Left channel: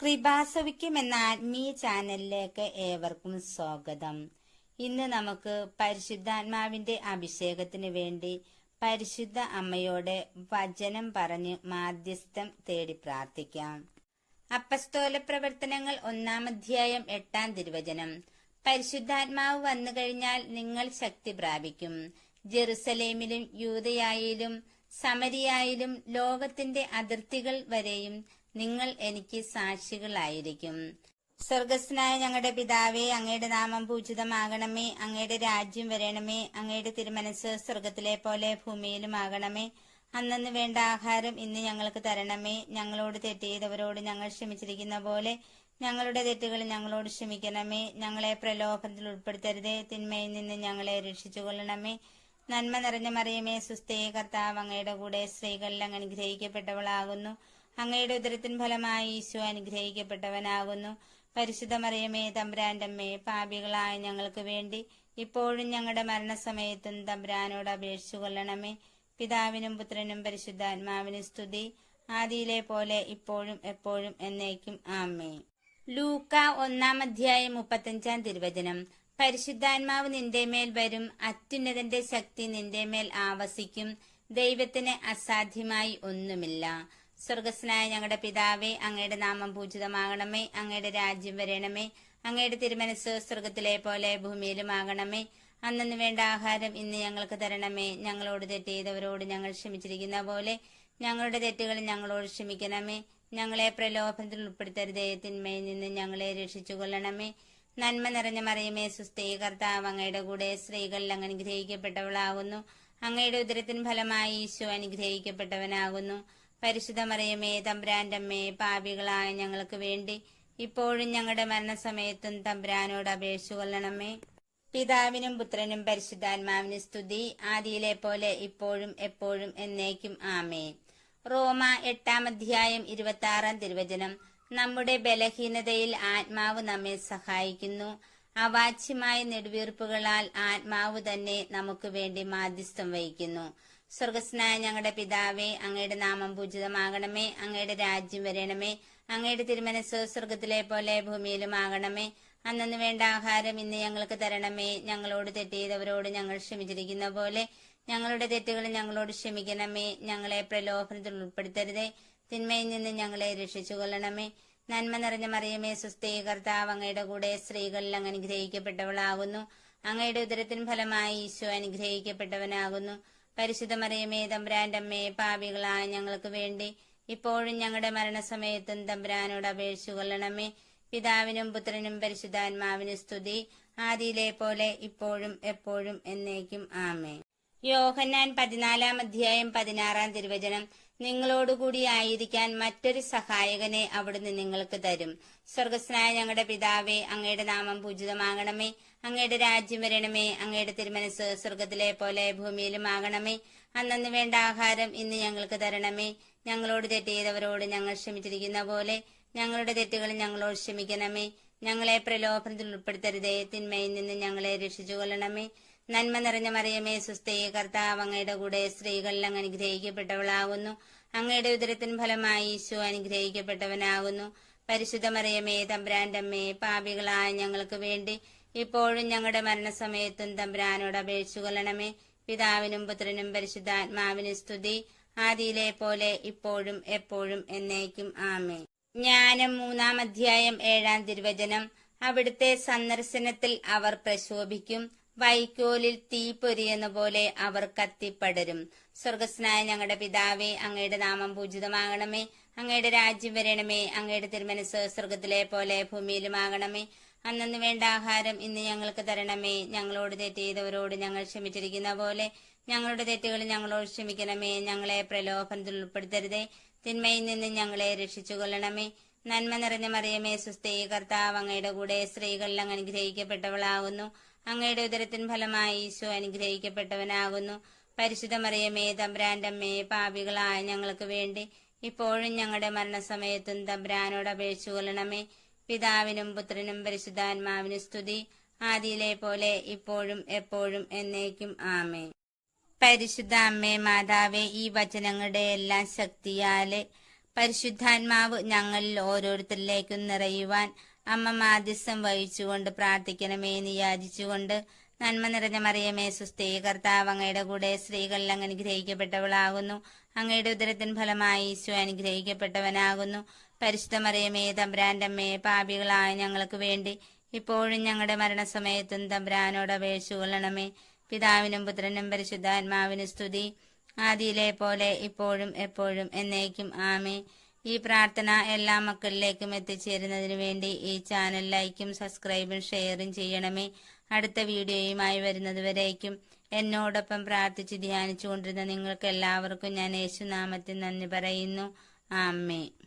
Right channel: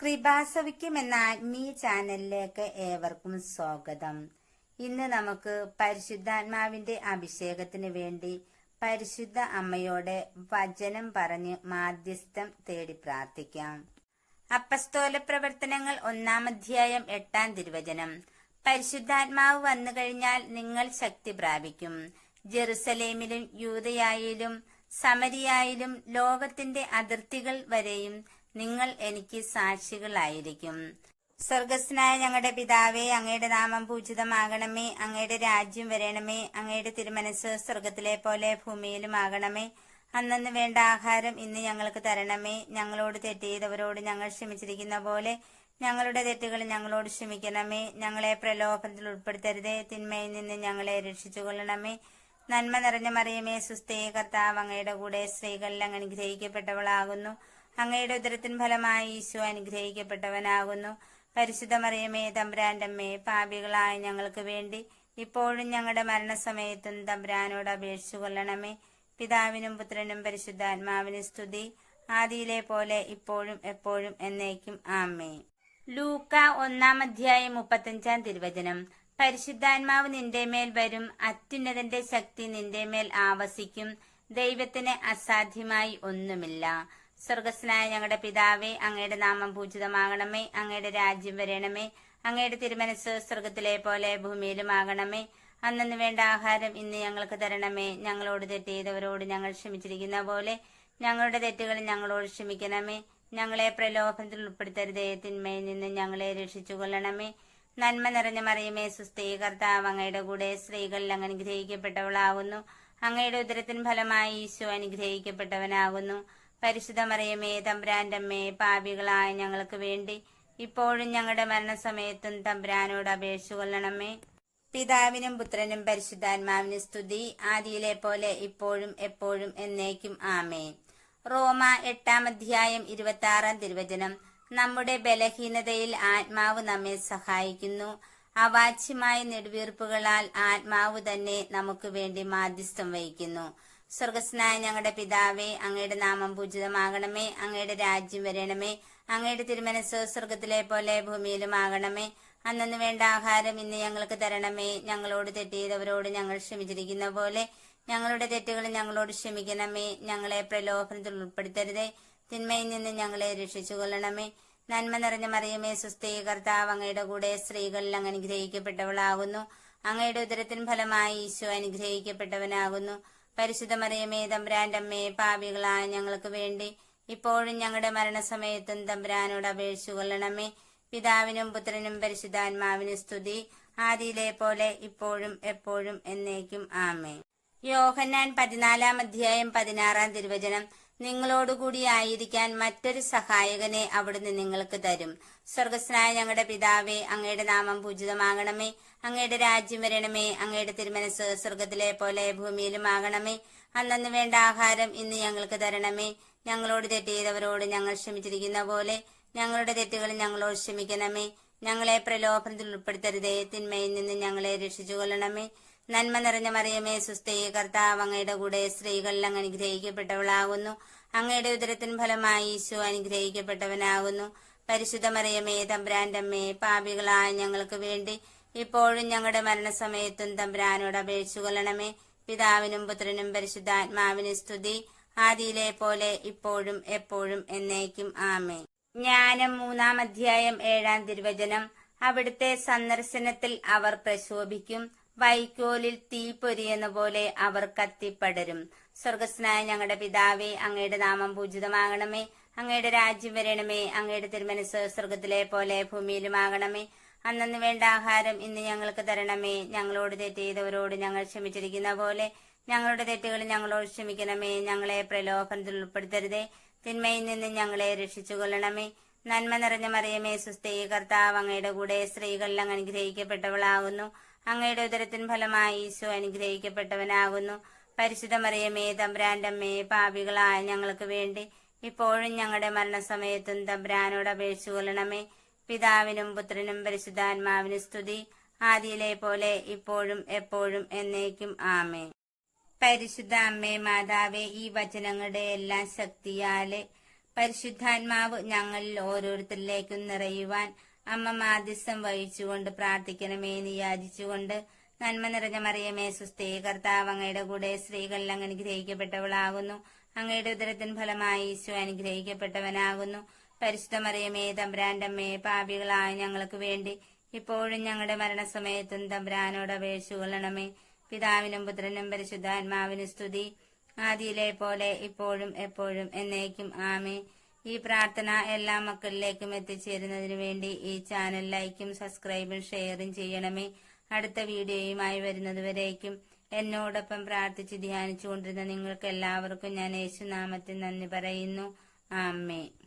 കൃപാസവിക്കും എന്ന ആത്മീയ ചാനലിലേക്ക് ഏവർക്കും സ്വാഗതം. ഇന്ന് നമുക്ക് പരിശുദ്ധാത്മാവിന്റെ അഭിഷേകത്തിന് വേണ്ടി പരിശുദ്ധ അമ്മയോട് വചനം പറഞ്ഞ് മാധ്യസ്ഥം തേടി പ്രാർത്ഥിക്കാം. അപ്പസ്തോല പ്രവർത്തനങ്ങൾ 1-ാം അധ്യായം 8-ാം തിരുവചനം. പരിശുദ്ധാത്മാവ് വന്നു കഴിഞ്ഞാൽ നിങ്ങൾ ശക്തി പ്രാപിക്കും. ജെറുസലേമിലും യൂദയായിലും സമരിയായിലും ലോകത്തിന്റെ അതിർത്തികൾ വരെയും നിങ്ങൾ എനിക്ക് സാക്ഷികളായിരിക്കും. സ്വർഗസ്നായ ഞങ്ങളുടെ പിതാവേ, അങ്ങയുടെ നാമം പൂജിതമാകണമേ. അങ്ങയുടെ രാജ്യം വരണമേ. അങ്ങയുടെ തിരുമനസ് സ്വർഗത്തിലെ പോലെ ഭൂമിയിലുമാകണമേ. അന്നന്ന് വേണ്ട ആഹാരം ഇന്ന് ഞങ്ങൾക്ക് തരണമേ. ഞങ്ങളോട് തെറ്റ് ചെയ്തവരോട് ഞങ്ങൾ ക്ഷമിച്ചിരിക്കുന്ന പോലെ ഞങ്ങളുടെ തെറ്റുകൾ ഞങ്ങളോട് ക്ഷമിക്കണമേ. ഞങ്ങളെ പ്രലോഭനത്തിൽ ഉൾപ്പെടുത്തരുതേ. തിന്മയിൽ നിന്ന് ഞങ്ങളെ രക്ഷിച്ചുകൊള്ളണമേ. നന്മ നിറഞ്ഞ മറിയമേ, സുസ്ഥേ, കർത്താവ് അങ്ങയുടെ കൂടെ സ്ത്രീകളിൽ അങ്ങ് അനുഗ്രഹിക്കപ്പെട്ടവളാകുന്നു. അങ്ങയുടെ ഉദരത്തിൻ ഫലമായി ഈശോ അനുഗ്രഹിക്കപ്പെട്ടവനാകുന്നു. പരിശുദ്ധ മറിയമേ, തമ്പുരാന്റെ അമ്മേ, പാപികളായ ഞങ്ങൾക്ക് വേണ്ടി ഇപ്പോഴും ഞങ്ങളുടെ മരണസമയത്തും തമ്പുരാനോട് അപേക്ഷിച്ചു കൊള്ളണമേ. പിതാവിനും പുത്രനും പരിശുദ്ധാത്മാവിനും സ്തുതി, ആദിയിലെ പോലെ ഇപ്പോഴും എപ്പോഴും എന്നേക്കും ആമേൻ. ലൂക്ക 1-ാം അധ്യായം 35-ാം തിരുവചനം. പരിശുദ്ധാത്മാവ് നിന്റെ മേൽ വരും. അത്യുന്നതന്റെ ശക്തി നിന്റെ മേൽ ആവസിക്കും. ദൈവത്തിന് അസാധ്യമായി ഒന്നുമില്ല. സ്വർഗസ്നായ ഞങ്ങളുടെ പിതാവേ, അങ്ങയുടെ നാമം പൂജിതമാകണമേ. അങ്ങയുടെ രാജ്യം വരണമേ. അങ്ങയുടെ തിരുമനസ് സ്വർഗത്തിലെ പോലെ ഭൂമിയിലുമാകണമേ. അന്നന്ന് വേണ്ട ആഹാരം ഇന്ന് ഞങ്ങൾക്ക് തരണമേ. ഞങ്ങളോട് തെറ്റ് ചെയ്തവരോട് ഞങ്ങൾ ക്ഷമിച്ചിരിക്കുന്ന പോലെ ഞങ്ങളുടെ തെറ്റുകൾ ഞങ്ങളോട് ക്ഷമിക്കണമേ. ഞങ്ങളെ പ്രലോഭനത്തിൽ ഉൾപ്പെടുത്തരുതേ. തിന്മയിൽ നിന്ന് ഞങ്ങളെ രക്ഷിച്ചുകൊള്ളണമേ. നന്മ നിറഞ്ഞ മറിയമേ, സുസ്ഥേ, കർത്താവ് അങ്ങയുടെ കൂടെ സ്ത്രീകളിൽ അങ്ങ് അനുഗ്രഹിക്കപ്പെട്ടവളാകുന്നു. അങ്ങയുടെ ഉദരത്തിൻ ഫലമായി ഈശോ അനുഗ്രഹിക്കപ്പെട്ടവനാകുന്നു. പരിശുദ്ധ മറിയമേ, തമ്പുരാന്റെ അമ്മേ, പാപികളായ ഞങ്ങൾക്ക് വേണ്ടി ഇപ്പോഴും ഞങ്ങളുടെ മരണസമയത്തും തമ്പുരാനോട് അപേക്ഷിച്ചു കൊള്ളണമേ. പിതാവിനും പുത്രനും പരിശുദ്ധാത്മാവിനും സ്തുതി, ആദിയിലെ പോലെ ഇപ്പോഴും എപ്പോഴും എന്നേക്കും ആമേൻ. റോമ 8-ാം അധ്യായം 26-ാം തിരുവചനം. നമ്മുടെ ബലഹീനതയിൽ ആത്മാവ് നമ്മെ സഹായിക്കുന്നു. അവാച്യമായ നെടുവീർപ്പുകളാൽ ആത്മാവ് തന്നെ നമുക്ക് വേണ്ടി മാധ്യസ്ഥം വഹിക്കുന്നു. സ്വർഗസ്നായ ഞങ്ങളുടെ പിതാവേ, അങ്ങയുടെ നാമം പൂജിതമാകണമേ. അങ്ങയുടെ രാജ്യം വരണമേ. അങ്ങയുടെ തിരുമനസ് സ്വർഗത്തിലെ പോലെ ഭൂമിയിലുമാകണമേ. അന്നന്ന് വേണ്ട ആഹാരം ഇന്ന് ഞങ്ങൾക്ക് തരണമേ. ഞങ്ങളോട് തെറ്റ് ചെയ്തവരോട് ഞങ്ങൾ ക്ഷമിച്ചിരിക്കുന്ന പോലെ ഞങ്ങളുടെ തെറ്റുകൾ ഞങ്ങളോട് ക്ഷമിക്കണമേ. ഞങ്ങളെ പ്രലോഭനത്തിൽ ഉൾപ്പെടുത്തരുതേ. തിന്മയിൽ നിന്ന് ഞങ്ങളെ രക്ഷിച്ചുകൊള്ളണമേ. നന്മ നിറഞ്ഞ മറിയമേ, സുസ്ഥേ, കർത്താവ് അങ്ങയുടെ കൂടെ സ്ത്രീകളിൽ അങ്ങ് അനുഗ്രഹിക്കപ്പെട്ടവളാകുന്നു. അങ്ങയുടെ ഉദരത്തിൻ ഫലമായി ഈശോ അനുഗ്രഹിക്കപ്പെട്ടവനാകുന്നു. പരിശുദ്ധ മറിയമേ, തമ്പുരാന്റെ അമ്മേ, പാപികളായ ഞങ്ങൾക്ക് വേണ്ടി ഇപ്പോഴും ഞങ്ങളുടെ മരണസമയത്തും തമ്പുരാനോട് അപേക്ഷിച്ചു കൊള്ളണമേ. പിതാവിനും പുത്രനും പരിശുദ്ധാത്മാവിനും സ്തുതി, ആദിയിലെ പോലെ ഇപ്പോഴും എപ്പോഴും എന്നേക്കും ആമേൻ. യോഹന്നാൻ 14-ാം അധ്യായം 16-ാം തിരുവചനം. നിങ്ങളോടുകൂടി ആയിരിക്കാൻ മറ്റൊരു സഹായകനെ അവിടുന്ന് നിങ്ങൾക്ക് തരും. സ്വർഗസ്നായ ഞങ്ങളുടെ പിതാവേ, അങ്ങയുടെ നാമം പൂജിതമാകണമേ. അങ്ങയുടെ രാജ്യം വരണമേ. അങ്ങയുടെ തിരുമനസ് സ്വർഗത്തിലെ പോലെ ഭൂമിയിലുമാകണമേ. അന്നന്ന് വേണ്ട ആഹാരം ഇന്ന് ഞങ്ങൾക്ക് തരണമേ. ഞങ്ങളോട് തെറ്റ് ചെയ്തവരോട് ഞങ്ങൾ ക്ഷമിച്ചിരിക്കുന്ന പോലെ ഞങ്ങളുടെ തെറ്റുകൾ ഞങ്ങളോട് ക്ഷമിക്കണമേ. ഞങ്ങളെ പ്രലോഭനത്തിൽ ഉൾപ്പെടുത്തരുതേ. തിന്മയിൽ നിന്ന് ഞങ്ങളെ രക്ഷിച്ചുകൊള്ളണമേ. നന്മ നിറഞ്ഞ മറിയമേ, സുസ്ഥേ, കർത്താവ് അങ്ങയുടെ കൂടെ സ്ത്രീകളിൽ അങ്ങ് അനുഗ്രഹിക്കപ്പെട്ടവളാകുന്നു. അങ്ങയുടെ ഉദരത്തിൻ ഫലമായി ഈശോ അനുഗ്രഹിക്കപ്പെട്ടവനാകുന്നു. പരിശുദ്ധ മറിയമേ, തമ്പുരാന്റെ അമ്മേ, പാപികളായ ഞങ്ങൾക്ക് വേണ്ടി ഇപ്പോഴും ഞങ്ങളുടെ മരണസമയത്തും തമ്പുരാനോട് അപേക്ഷിച്ചു കൊള്ളണമേ. പിതാവിനും പുത്രനും പരിശുദ്ധാത്മാവിനും സ്തുതി, ആദിയിലെ പോലെ ഇപ്പോഴും എപ്പോഴും എന്നേക്കും ആമേൻ. ജ്ഞാനം 3-ാം അധ്യായം 7-ാം തിരുവചനം. അവിടുത്തെ സന്ദർശനത്തിൽ അവർ പ്രശോഭിക്കും. വൈക്കോലിൽ തീ പൊരിയെന്ന പോലെ അവർ കത്തിപ്പടരും. സ്വർഗസ്നായ ഞങ്ങളുടെ പിതാവേ, അങ്ങയുടെ നാമം പൂജിതമാകണമേ. അങ്ങയുടെ രാജ്യം വരണമേ. അങ്ങയുടെ തിരുമനസ് സ്വർഗത്തിലെ പോലെ ഭൂമിയിലുമാകണമേ. അന്നന്ന് വേണ്ട ആഹാരം ഇന്ന് ഞങ്ങൾക്ക് തരണമേ. ഞങ്ങളോട് തെറ്റ് ചെയ്തവരോട് ഞങ്ങൾ ക്ഷമിച്ചിരിക്കുന്ന പോലെ ഞങ്ങളുടെ തെറ്റുകൾ ഞങ്ങളോട് ക്ഷമിക്കണമേ. ഞങ്ങളെ പ്രലോഭനത്തിൽ ഉൾപ്പെടുത്തരുതേ. തിന്മയിൽ നിന്ന് ഞങ്ങളെ രക്ഷിച്ചുകൊള്ളണമേ. നന്മ നിറഞ്ഞ മറിയമേ, സുസ്ഥേ, കർത്താവ് അങ്ങയുടെ കൂടെ സ്ത്രീകളിൽ അങ്ങ് അനുഗ്രഹിക്കപ്പെട്ടവളാകുന്നു. അങ്ങയുടെ ഉദരത്തിൻ ഫലമായി ഈശോ അനുഗ്രഹിക്കപ്പെട്ടവനാകുന്നു. പരിശുദ്ധ മറിയമേ, തമ്പുരാന്റെ അമ്മേ, പാപികളായ ഞങ്ങൾക്ക് വേണ്ടി ഇപ്പോഴും ഞങ്ങളുടെ മരണസമയത്തും തമ്പുരാനോട് അപേക്ഷിച്ചു കൊള്ളണമേ. പിതാവിനും പുത്രനും പരിശുദ്ധാത്മാവിനും സ്തുതി, ആദിയിലെ പോലെ ഇപ്പോഴും എപ്പോഴും എന്നേക്കും ആമേൻ. പരിശുദ്ധ അമ്മേ മാതാവേ, ഈ വചനങ്ങളുടെ എല്ലാം ശക്തിയാലെ പരിശുദ്ധാത്മാവ് ഞങ്ങളിൽ ഓരോരുത്തരിലേക്കും നിറയുവാൻ അമ്മ മാധ്യസ്ഥം വഹിച്ചുകൊണ്ട് പ്രാർത്ഥിക്കണമേ എന്ന് യാചിച്ചുകൊണ്ട്, നന്മ നിറഞ്ഞ മറിയമേ സുസ്ഥേ, കർത്താവ് അങ്ങയുടെ കൂടെ സ്ത്രീകളിൽ അങ്ങ് അനുഗ്രഹിക്കപ്പെട്ടവളാകുന്നു. അങ്ങയുടെ ഉദരത്തിൻ ഫലമായി ഈശോ അനുഗ്രഹിക്കപ്പെട്ടവനാകുന്നു. പരിശുദ്ധ മറിയമേ തമ്പുരാന്റെ അമ്മയെ, പാപികളായ ഞങ്ങൾക്ക് വേണ്ടി ഇപ്പോഴും ഞങ്ങളുടെ മരണസമയത്തും തമ്പുരാനോട് അപേക്ഷിച്ചു കൊള്ളണമേ. പിതാവിനും പുത്രനും പരിശുദ്ധാത്മാവിനും സ്തുതി, ആദിയിലെ പോലെ ഇപ്പോഴും എപ്പോഴും എന്നേക്കും ആമേ. ഈ പ്രാർത്ഥന എല്ലാ മക്കളിലേക്കും എത്തിച്ചേരുന്നതിനു വേണ്ടി ഈ ചാനൽ ലൈക്കും സബ്സ്ക്രൈബും ഷെയറും ചെയ്യണമേ. അടുത്ത വീഡിയോയുമായി വരുന്നതുവരേക്കും എന്നോടൊപ്പം പ്രാർത്ഥിച്ച് ധ്യാനിച്ചു കൊണ്ടിരുന്ന നിങ്ങൾക്ക് എല്ലാവർക്കും ഞാൻ യേശുനാമത്തിൽ നന്ദി പറയുന്നു. ആമേൻ.